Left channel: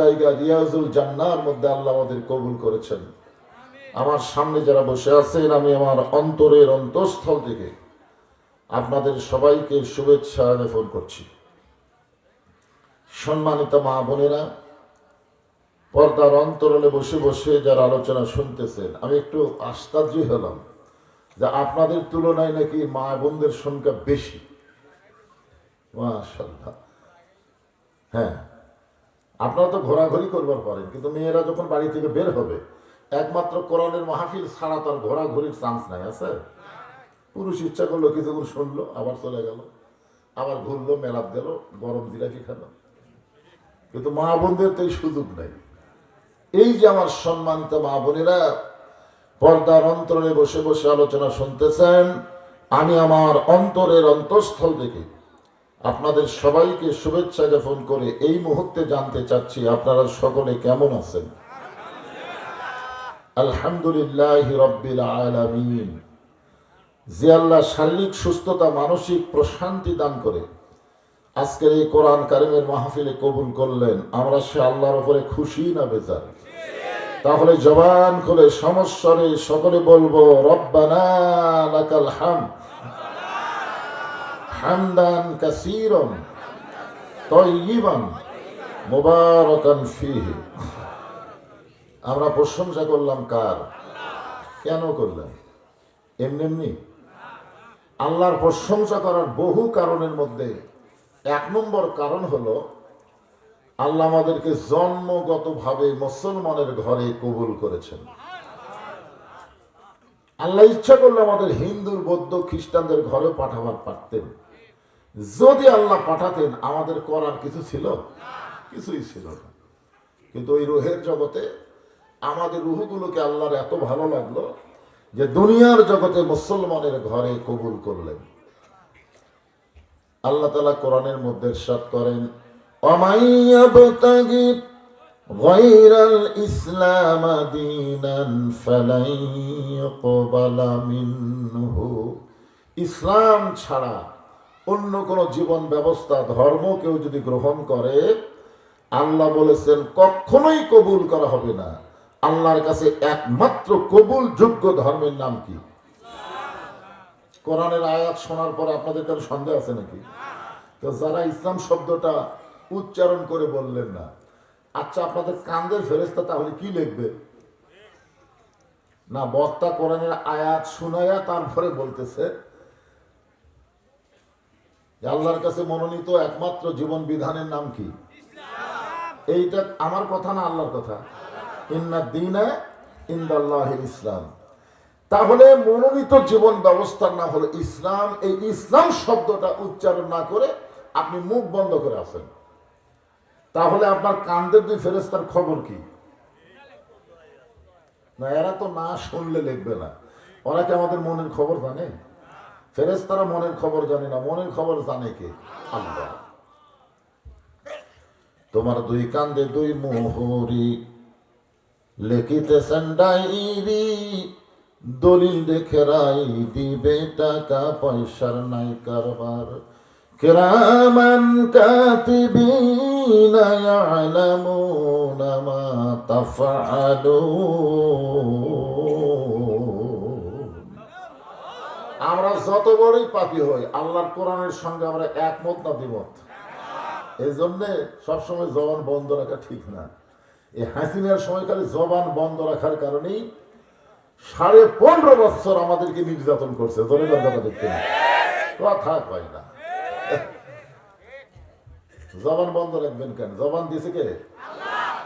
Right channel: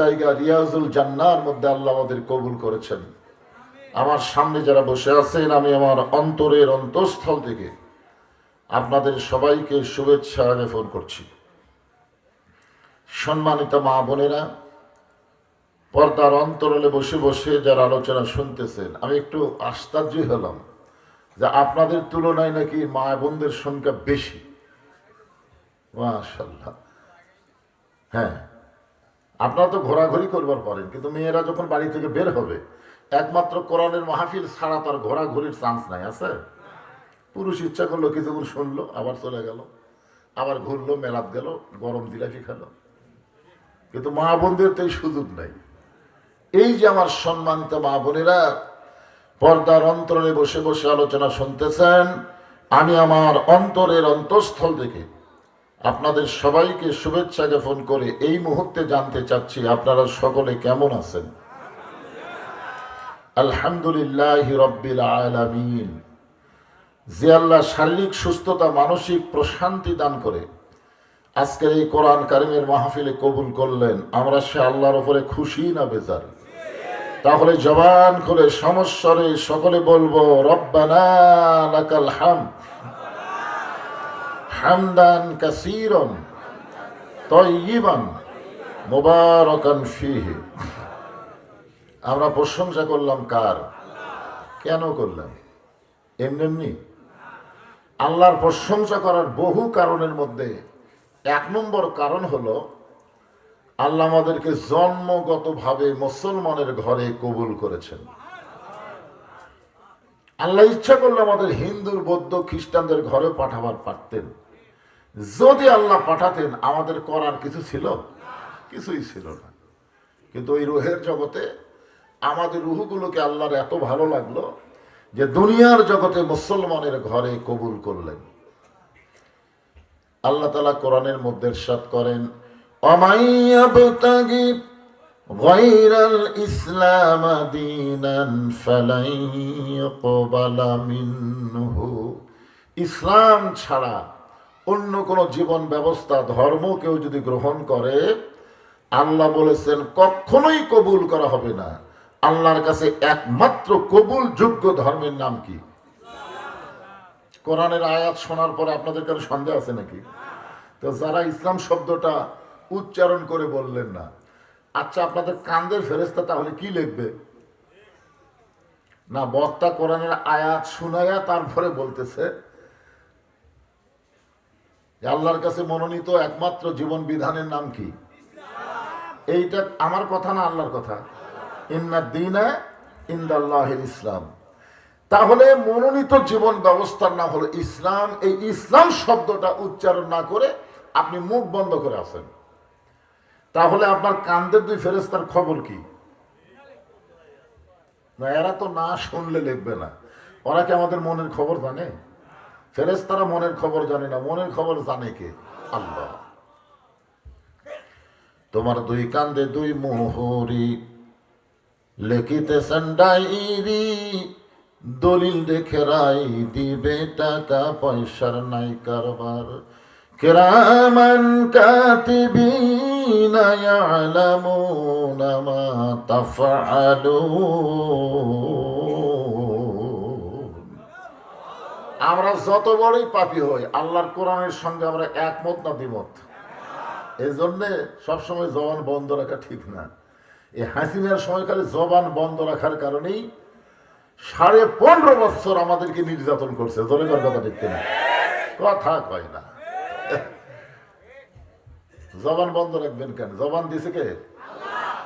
জায়গা রিয়াজুল জান্নার মধ্যে আল্লাহ আমাদের কবুল করেছেন। আমার সামনে যারা বসে আছেন, আমি আমার অন্তরের অন্তঃস্থল থেকে আপনাদের সবাইকে শুভেচ্ছা জ্ঞাপন করছি। সম্মানিত মা বোনেরা, পর্দার অন্তরালে বসে বসে যারা আলোচনা শুনতেছেন, আমি একটু আশ্চর্য হলাম যে আপনাদের তুলনায় নাকি মা বোনদের সংখ্যা বেশি। মাশাআল্লাহ। হ্যাঁ, আপনারা তো ঘোরাঘুরি করবার পারেন, কিন্তু মেয়েরা যখন বাড়ি থেকে বের হবে, একমাত্র কোরআনের মাহফিল ছাড়া তার ঘোরাঘুরির চান্স নাই। আছে? পুরুষ ইচ্ছা করলো কিছুক্ষণ শুনলো, আবার চলে গেল, আবার ঘুরলো, মেলাত গেল, গরম জিলাপি খেলো। কিন্তু মা বোনদের তো এই সুযোগ নাই। এই যে আমার সম্মানিত মা বোনেরা পর্দার অন্তরে বসে বসে আলোচনা শুনতেছেন, আমি আমার অন্তরের অন্তঃস্থল থেকে আপনাদের সবাইকে শুভেচ্ছা জ্ঞাপন করে এই মুহূর্তে জানতে চাচ্ছি আপনারা সকলে কেমন আছেন। আলহামদুলিল্লাহ রাব্বিল আলামিন। যে আল্লাহ শারীরিক সুস্থতা, মানসিক প্রশান্তি দান করে আজকের এই কোরআন কারিমের মাহফিলে কবুল করলেন, আমরা সে আল্লাহর উপরে খুশি না বেজার? তাহলে জবান খুলে সমস্বরে সকলে বলবো, রব্বানা লাকাল হামদ হামদান কাসীরান তাইয়িবান মুবারাকান ফীহি। আমরা প্রশংসা করলাম কার? কেন করলাম? এমনি এমনি? আল্লাহর প্রশংসা করার বহু কারণের মধ্যে এক নম্বর কারণ হলো আল্লাহ আমাদেরকে জন্মগতভাবে মুসলমানের ঘরে কবুল করেছেন। আল্লাহ ইচ্ছা করলে আমাদের হিন্দু, বৌদ্ধ, খ্রিস্টানদের ঘরে পাঠাবার পারতেন। যদি আল্লাহ পাঠাতেন, আমাদের করার কিছু ছিল? কিছুই ছিল না। কিন্তু ওই রুহের জগতে আমাদের রুহগুলোকে আল্লাহর এত ভালো লাগলো যে দুনিয়ার জগতে মুসলমানের ঘরে কবুল করলেন। আল্লাহ তাআলা কোরআনের মধ্যে ইরশাদ করেন, অমাইয়াবতাগি গায়রাল ইসলাম দীনান ফালাই ইউকবালা মিনহু। ইসলাম ছাড়া অন্য কোন জীবন ব্যবস্থা, ধর্ম কেউ যদি গ্রহণ করে, আল্লাহ বলেছেন কখনোই কবুল করা হবে না। আল্লাহর কাছে একমাত্র কবুল যোগ্য ধর্মের নাম কি? কোরআনের আয়াত শোনার পরে আপনাদের কাছে সন্দেহ আছে নাকি? তো যারা ইসলাম শব্দটা উচ্চারণ করে বললেন না, আচ্ছা আপনাদের কান্দের ফেরেশতা তাহলে কি লিখবে? না, বক্তা কোরআনের আয়াত শুনাইয়া তারপরে বলতেছে যে আল্লাহর কাছে মনোনীত একমাত্র জীবন বিধানের নাম কি? এইটা আমার কথা না, আল্লাহর কথা। ইন্না দীনা ইনদাল্লাহিল ইসলাম। তাহলে মনোনীত জীবন ব্যবস্থার নাম হলো ইসলাম। এই ইসলাম শব্দটা উচ্চারণ না করে আপনি মুখ বন্ধ করে আছেন, তাহলে আপনার কান্দের দুই ফেরেশতার খবর কি? না, এরা তো না শুনলে লিখবে না। ওরা কি আমাদের মনের খবর জানে? ফেরেশতারা মনের খবর জানে না, মনের খবর জানে কে? আল্লাহ। তোমার দুই কান্দে দুই মোহরি, লিখিতেছেন ডায়েরি, দলিল দেখে রাই দিবে, টাকা পয়সার নাই কারবার। কিরামান কাতিবিনা ইয়ালামুনা মা তাফআলুন। আমরা যত বড়ই পাপী হই, আল্লাহর কোরআনের সঙ্গে আমরা একমত না দ্বিমত? এই জন্যে সবসময় জবান বন্ধ রাখা ঠিক না। এই হাসিনার সময়কালে জবান বন্ধ রাখার কারণেই 15.5 বছর আমাদেরকে নির্যাতন করছে। জরিমার কথা দেখতে না, কথা কয় না। জবান বন্ধ রাখবেন কেন? জবান দিছে কে?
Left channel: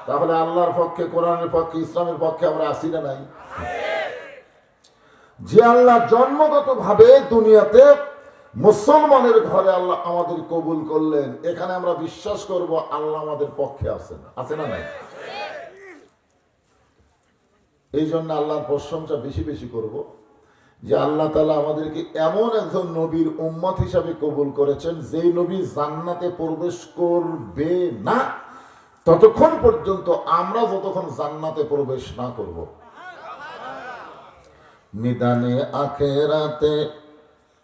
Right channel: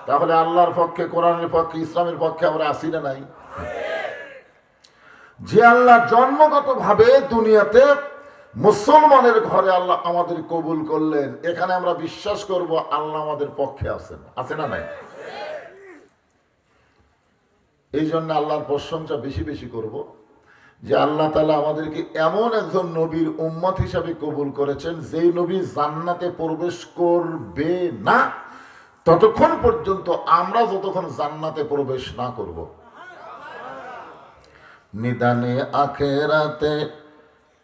তাহলে আল্লাহর পক্ষে, কোরআনের পক্ষে, ইসলামের পক্ষে আমরা আসি না নাই? যে আল্লাহ জন্মগত ভাবে দুনিয়াতে মুসলমানের ঘরে আল্লাহ আমাদের কবুল করলেন, এখানে আমরা বিশ্বাস করব আল্লাহ আমাদের পক্ষে আছেন। আছে না নাই? এই জন্য আল্লাহর প্রশংসা বেশি বেশি করব যে আল্লাহ তাআলা আমাদেরকে এমন একজন নবীর উম্মত হিসাবে কবুল করেছেন, যেই নবী জান্নাতে প্রবেশ করবে না ততক্ষণ পর্যন্ত আমরা যতক্ষণ জান্নাতে প্রবেশ না করব। নিদানে আখেরাতে,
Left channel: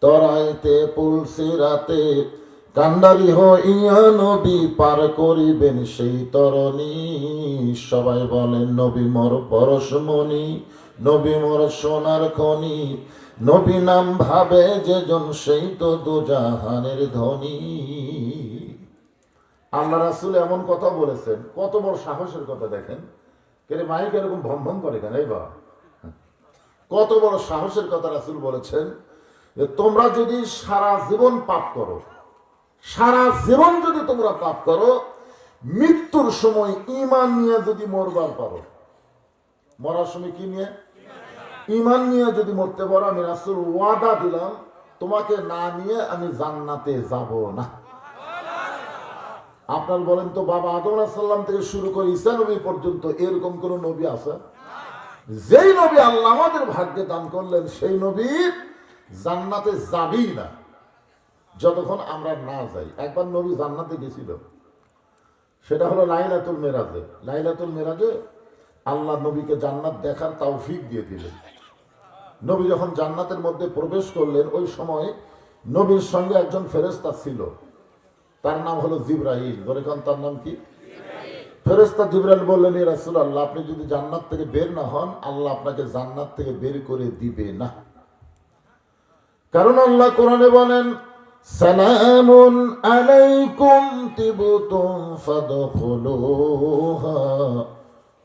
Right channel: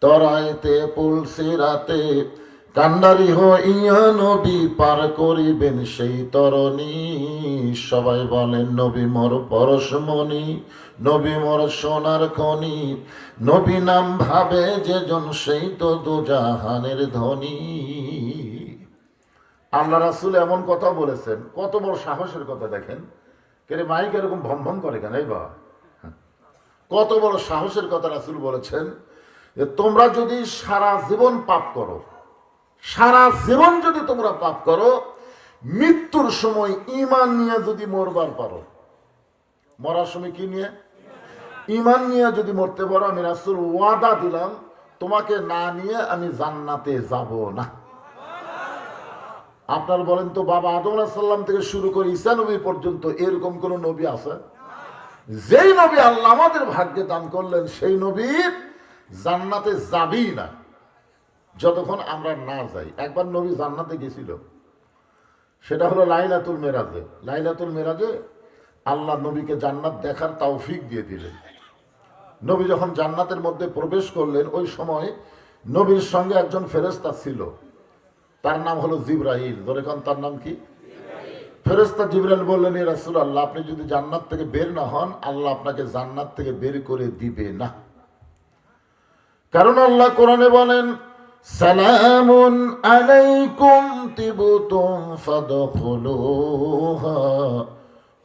তরাইতে পুলসিরাতে, কান্ডারি হইয়া নদী পার করিবেন সেই তরণী। সবাই বলেন নবী মোর পরশমণি, নবী মোর সোনার খনি, নবী নাম ভাবে যেজন সেই তো দুজাহানের ধনী। আল্লাহ রাসূল এমন কথা বলেছেন, কত বড় সাহসের কথা দেখেন। কেরে মাইক এরকম ভম ভম করে কেন এই বাবা? কত বড় সাহসের কথা রাসূল বলেছেন যে তোমরা যদি সারা জীবন পাপ করো, সারা জীবন যদি তোমরা পাপ করো, মৃত্যুর সময় ঈমান নিয়ে যদি মরবার পারো, মরার সময় কি নিয়ে? ঈমান নিয়ে যদি মরতে পারো, আমি রাসূল ওয়াদা দিলাম তোমাকে না নিয়ে আমি জান্নাতে যাব না। আপনার বলেন তো, বাবা আদম আলাইহিস সালাম থেকে শুরু করে ঈসা নবী পর্যন্ত এরকম কোন নবী আছে? যেই নবী আল্লাহ আমাদের ভাগ্যে দান করলেন সেই নবী জান্নাতে যাবেই না যতক্ষণ আমরা না যাই। একবার নবী জান্নাতে গেছিল, সেটা হলো লাইলাতুল মেরাজে। লাইলাতুল মেরাজে আল্লাহ নবীকে জান্নাত দেখার তৌফিক দিয়ে দিলেন। নবী যখন জান্নাতের মধ্যে প্রবেশ করলেন, ওই সময় নবীর সঙ্গে একজন ফেরেশতা ছিল, তার নাম হলো জিবরাইল। ধরে কোন তার নাম কি? ফেরেশতা জিবরাইল বললেন, ইয়া রাসূলুল্লাহ, আপনি যদি জান্নাত থেকে বের না হন, আল্লাহ আপনাকে জান্নাত থেকে বের করে দিবে না। কারণ আল্লাহ কোরআনে বলেন, সালামুন আলাইকুম তিবতুম ফাদখুলুহা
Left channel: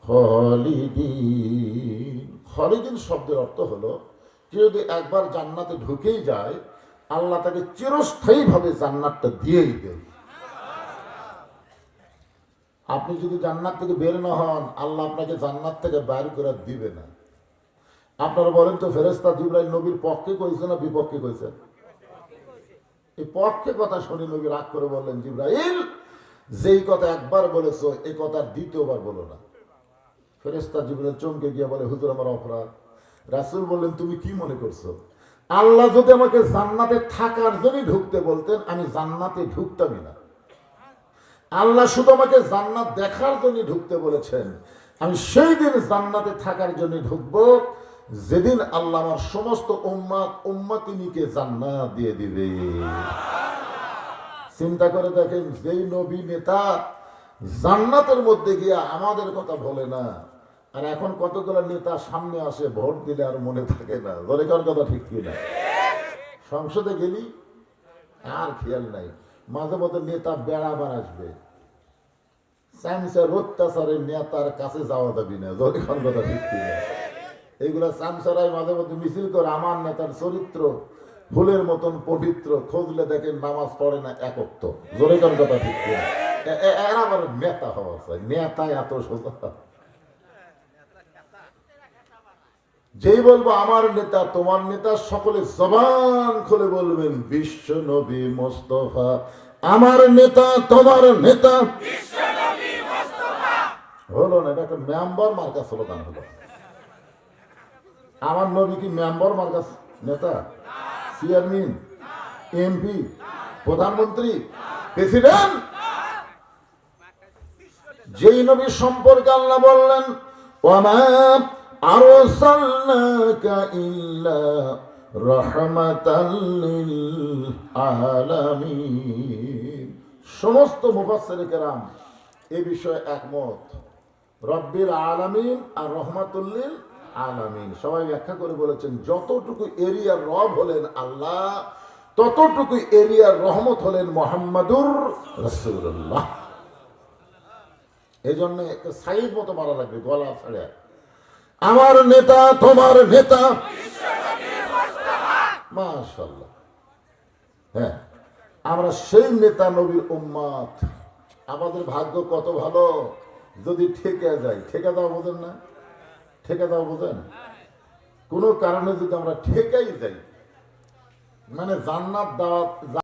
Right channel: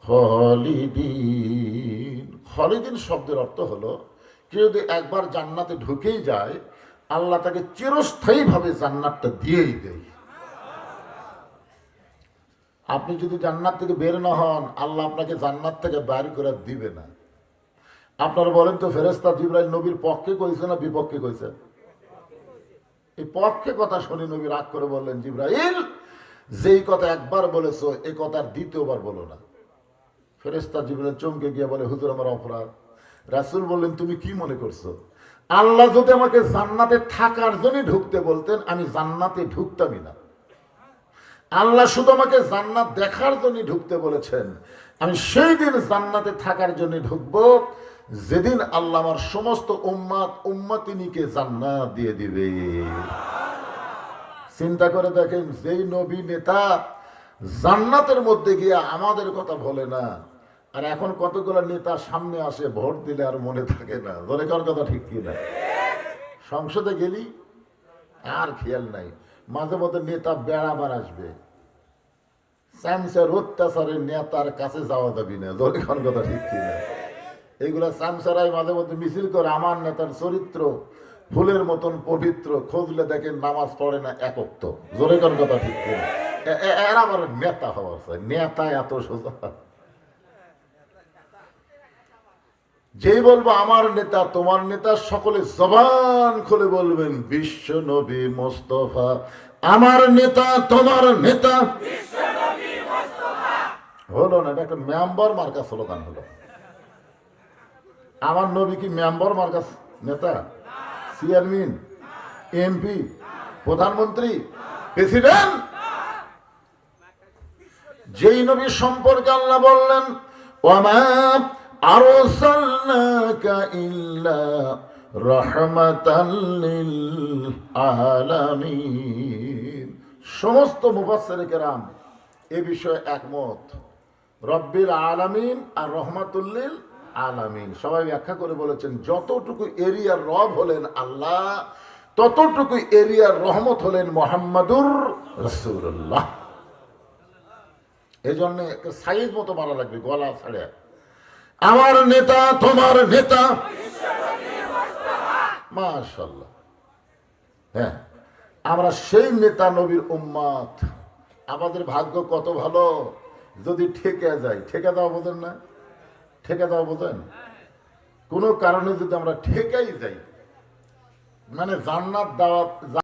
খালিদিন। খালিদিন শব্দের অর্থ হলো, কেউ যদি একবার জান্নাতে ঢুকেই যায়, আল্লাহ তাকে চিরস্থায়ীভাবে জান্নাতটা দিয়েই দেয়। আপনি যদি জান্নাত থেকে বের না হন, আল্লাহ আপনাকে জান্নাত থেকে বের করে দিবে না। আপনারা বলেন তো, ফেরেশতা জিবরাইল নবীর পক্ষে কইছে না বিপক্ষে কইছে? এই পক্ষে কথা শুনে নবী রাগ করে বললেন, জিবরাইল, যেই কথা একবার বলেছো এই কথা দ্বিতীয়বার বলো না। ফেরেশতা জিবরাইল চমকে গিয়ে বলে, হুজুর আমার অপরাধ। রাসূল বললেন, তুমি কি মনে করছো? আল্লাহ যদি আমাকে জান্নাতে থাকার জন্য ঢুকতে বলতেন, আমি জান্নাতে ঢুকতামই না। আল্লাহ শুধু আমাকে জান্নাত দেখার জন্য ঢুকতে বলেছেন, আমি সেই দিন জান্নাতে থাকার জন্য ঢুকবো যেদিন আল্লাহ আমার সমস্ত উম্মতিনীকে জান্নাত দিয়ে দিবে। চিন্তা করে দেখেন, যেই নবী নেতা জান্নাতের মধ্যে গিয়ে আমাদের কথা বলে না, আর এখন কতগুলো নেতা সামনে আসে, ভোট দিলে আর মনে থাকে না। বলে কার কথা ঠিক কিনা? সংসদে গেলি আর খেয়াল নাই, মাঝে মধ্যে নেতা বেড়াবার আসবে, চামচার অত্যাচারের নেতার কাছে যাওয়া যাবি না। বলে কার কথা ঠিক কিনা? এইগুলা চামচারাই মাঝে মধ্যে মিছিল করে, আমার নেতার চরিত্র ফুলের মতন পবিত্র, খুঁজলে দেখেন নামাজ পড়ে না এক ওয়াক্ত। জোরে কোন কথা ঠিক কিনা? এরা আবার নেতা হওয়া চাই, নেতা এত সোজা। যেই বলবো আমার নেতা, তোমার নেতা, সকলে জবান খুলে বলবেন বিশ্ব নবী মোস্তফা আমার নেতা, তোমার নেতা। হলো না, এটা একটা মেম্বার মার্কা স্লোগান হলো। আমার নবী কি মেম্বার মার্কা নেতা? চেয়ারম্যান, এমপি, প্রধানমন্ত্রী, প্রেসিডেন্ট? যেই নবী সম্পর্কে আল্লাহ বললেন, ওমা আরসালনাকা ইল্লা রাহমাতাল লিল আলামিন। সমস্ত মুফাসসিরে কেরাম এ বিষয়ে একমত। রব্বিল আলামিন আর রহমাতুল লিল আলামিন সবাই ব্যাখ্যা করে বলেছেন, যতটুকু এরিয়ার রব হলেন আল্লাহ, ততটুকু এরিয়ার রহমত হলেন মুহাম্মাদুর রাসূলুল্লাহ। এই জন্য একটা সাইড মতো মারা লাগবে, গলা ছাড়ে, আমার নেতা, তোমার নেতা। মাশাআল্লাহ। হ্যাঁ, আমরা সেই নেতা নবীর উম্মত। আমাদের ভাগ্য কত ভালো যদি ঠেকে যাই। ঠেকে দাও বোঝেন না? ঠেকে দাও বোঝেন? কোনো কারণে যদি আমরা ঠেকেই যাই, মানে জান্নাত দাওয়াত